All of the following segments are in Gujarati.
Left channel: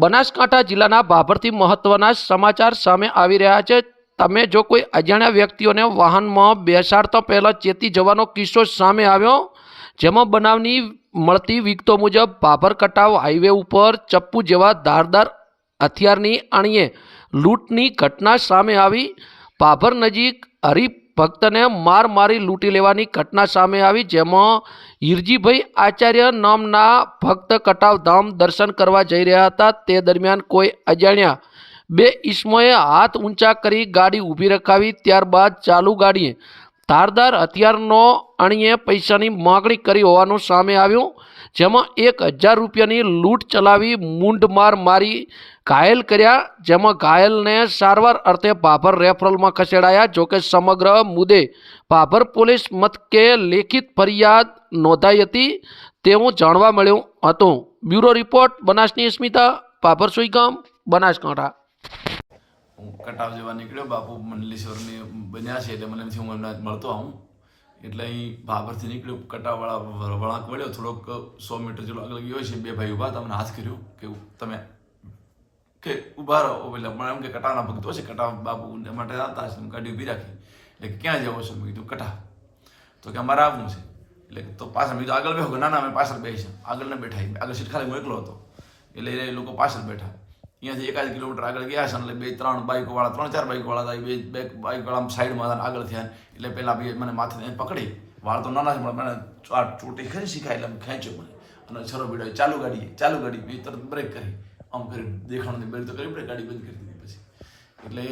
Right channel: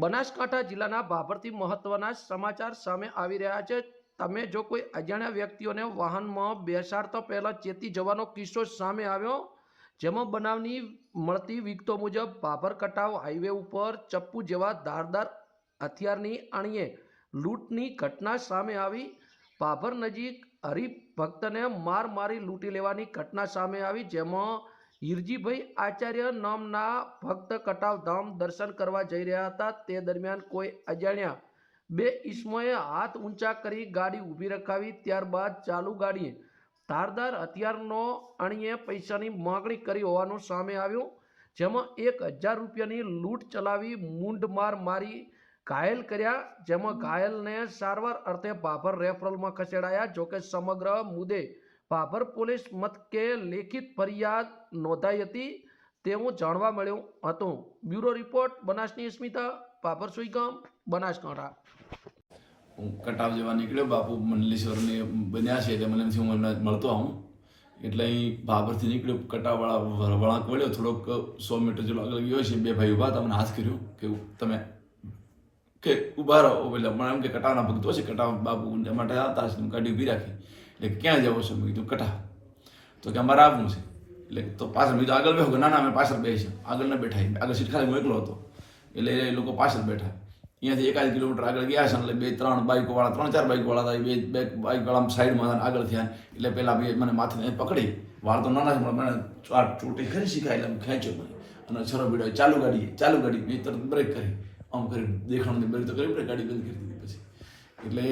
બનાસકાંઠા જિલ્લાના ભાભરથી મહત્વના સમાચાર સામે આવી રહ્યા છે. તમે જો કોઈ અજાણ્યા વ્યક્તિઓને વાહનમાં બેસાડતા પહેલાં ચેતી જવાનો કિસ્સો સામે આવ્યો, જેમાં બનાવની મળતી વિગતો મુજબ ભાભર કટાવ હાઈવે ઉપર ચપ્પુ જેવા ધારદાર હથિયારની અણીએ લૂંટની ઘટના સામે આવી. ભાભર નજીક હરીફ ભક્તને માર મારી લૂંટી લેવાની ઘટના સામે આવી, જેમાં હિરજીભાઈ આચાર્ય નામના ભક્ત કટાવધામ દર્શન કરવા જઈ રહ્યા હતા. તે દરમિયાન કોઈ અજાણ્યા બે ઈસમોએ હાથ ઊંચા કરી ગાડી ઊભી રખાવી. ત્યારબાદ ચાલુ ગાડીએ ધારદાર હથિયારનો અણીએ પૈસાની માગણી કરી હોવાનું સામે આવ્યું. જેમાં એક હજાર રૂપિયાની લૂંટ ચલાવી મૂંઢમાર મારી ઘાયલ કર્યા, જેમાં ઘાયલને સારવાર અર્થે ભાભર રેફરલમાં ખસેડાયા. જોકે સમગ્ર મુદ્દે ભાભર પોલીસ મથકે લેખિત ફરિયાદ નોંધાઈ હતી તેવું જાણવા મળ્યું હતું. બ્યુરો રિપોર્ટ, બનાસની સ્મિતા, ભાભર સુઈગામ, બનાસકાંઠા. હું કટાવ જવા નીકળ્યો. બાપુ મંડલેશ્વરની બન્યા છે એટલે મને હું મળતો આવું. એટલે અહીં ભાભરથી નીકળ્યો, કટાવાળા વળાંક વળ્યો, થોડોક સો મીટર જેટલો આગળ ગયો છે, બે ભાઈ ઊભા, તમને હાથ કર્યો કે તમે કે ઊભા રહો. એટલે મને એમ કે કટાવના ભક્તો છે, કટાવ બાપુ માટે આવતા તો ગાડી ઊભી રાખી. એટલે ક્યાં જવો છો? મેં કીધું કટા તો કે અમારે આવવું છે. એટલે તો પાછળ મેં આગળ બેહો. ના ના, અમે પાછળ બેસી આગળ ન બેઠા. આગળ સીટ ખાલી હું એકલો હતો. એટલે એ લોકો પાછળ બેઠા. અહીંયાથી એકાદ કિલોમીટર આગળ ગયા છે એટલે બે, ત્રણ બાઇકો વાળા, ત્રણ, ચાર બાઇકો વાળા હતા. બે બે બાઇક વાળા સાઈડમાં આગળ થયા એટલે પહેલાં બે મને માથે પકડી. વાળ તો નાના છે, પણ મને આ ચોટી ખરી શીખાય એટલે ખેંચ્યો મને. અને છરો બીડાય ચાલુ ગાડી ચાલુ ગાડી. મેં તરત બ્રેક કરી. આમ કરી દેખાણની બ્રેક તો કરી પડે ગાડી બંધ કરી દીધી પછી. એટલે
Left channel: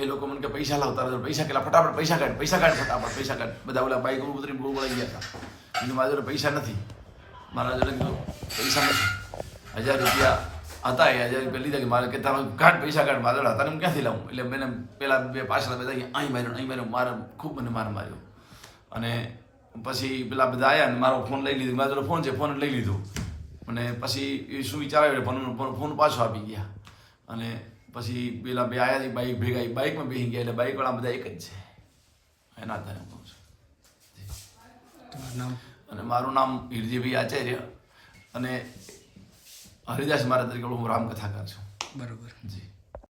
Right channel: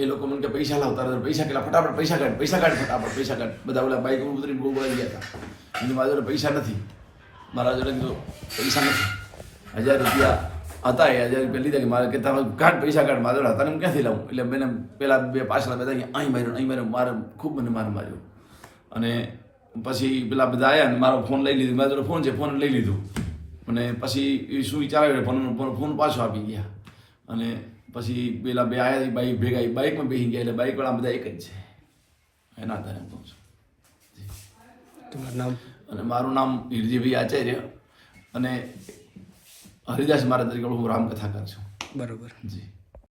એ લોકો મને કે પૈસા લાવતા હતા પૈસા કેટલા? ફટાફટ પૈસા કાઢ પૈસા કાઢ ફટાફટ, પૈસા કાઢ. બધા ઓલા બાઈક ઉતરીને બહુ ગયા હતા. એટલે મારા જોડે પૈસા નથી. મારા જોડે કીધું, પૈસા નથી. હજાર રૂપિયા હતા એ હજાર રૂપિયા લીધા કે મારે કે તમે કાઢ પૈસા કાઢ મારા હતા હું ક્યાંથી લાવું? એટલે મેં પેલા બે પાછળ બધા અહીંયા અહીં માર્યો અહીં માર્યો. મારે ખૂબ મને માર માર્યો. અને પછી પેલા બધા આવ્યા ને મારો ફોન લઈ લીધો. મારો ફોન છે ફોન લઈ લીધો. અને પછી એ શું વિચારાયો ફોન ફોન પાછો આપી ગયા. અને પછી પેલા બે આવ્યા બાઈક ભેગા બાઇકમાં બેસી ગયા એટલે બાઇકવાળા બધા એક જ છે. એના આધારે હું કહું છું. તમારું નામ? અને મારું નામ હિરજીભાઈ આચાર્ય. અને હરિદાસ મહારાજ તરીકે હું રામકથાકાર છું. બરોબર. જી.